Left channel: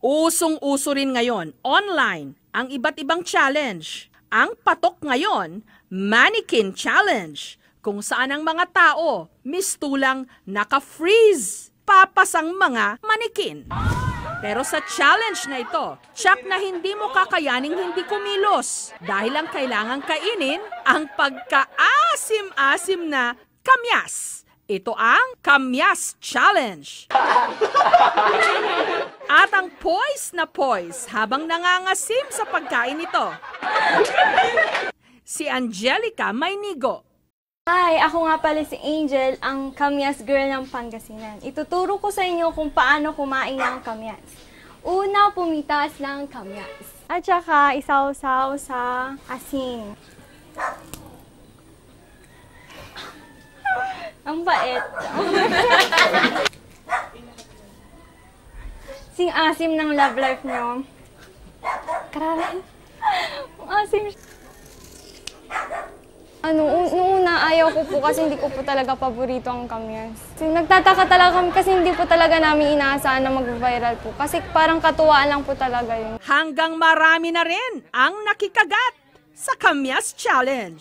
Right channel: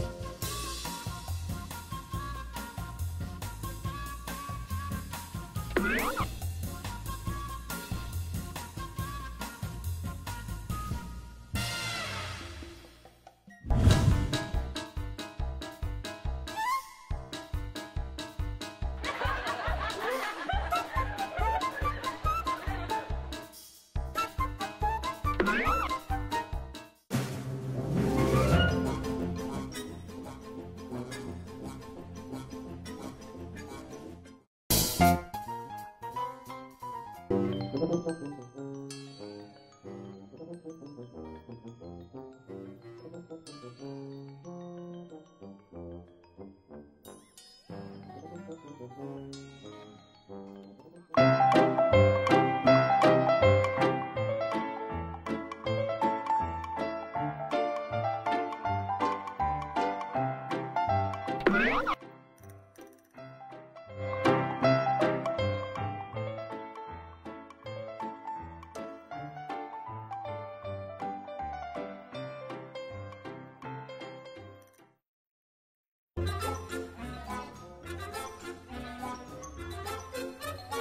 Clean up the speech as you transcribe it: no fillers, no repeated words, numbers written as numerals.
Usong-uso rin ngayon, online, ang iba't ibang challenge. Ang patok ngayon, Mannequin Challenge, kung saan ang mga tao mistulang naka-freeze, papasang mga manikin. Pero sa challenge na ito, tiyak na hindi mo kakayaning hindi kumilos dahil ang kailangang kainin ang pagka-asim-asim na kamyas. Ito ang Kamyas Challenge. At ang poise na poise habang nangangasim sa pagkain ito. Si Angelica Maynigo. Hi, ako nga pala si Angel, ang kamyas girl ng Pangasinan. Ituturo ko sa inyo kung paano kumain ng kamyas. Una, pumitas ng kamyas. At saka, isaw-saw sa asin. Ang bait. Sing-asim ng love life nyo. Kararay. Asim. Nung una, ayaw ko po kasi hindi ko po talaga paborito ang kamyas. Nagtataka talaga kami kasi hindi po talaga namin inaasahan na mag-viral po. Kasi parang katuwaan lang po talaga yun. Hanggang marami na rin ang nakikagat sa Kamyas Challenge.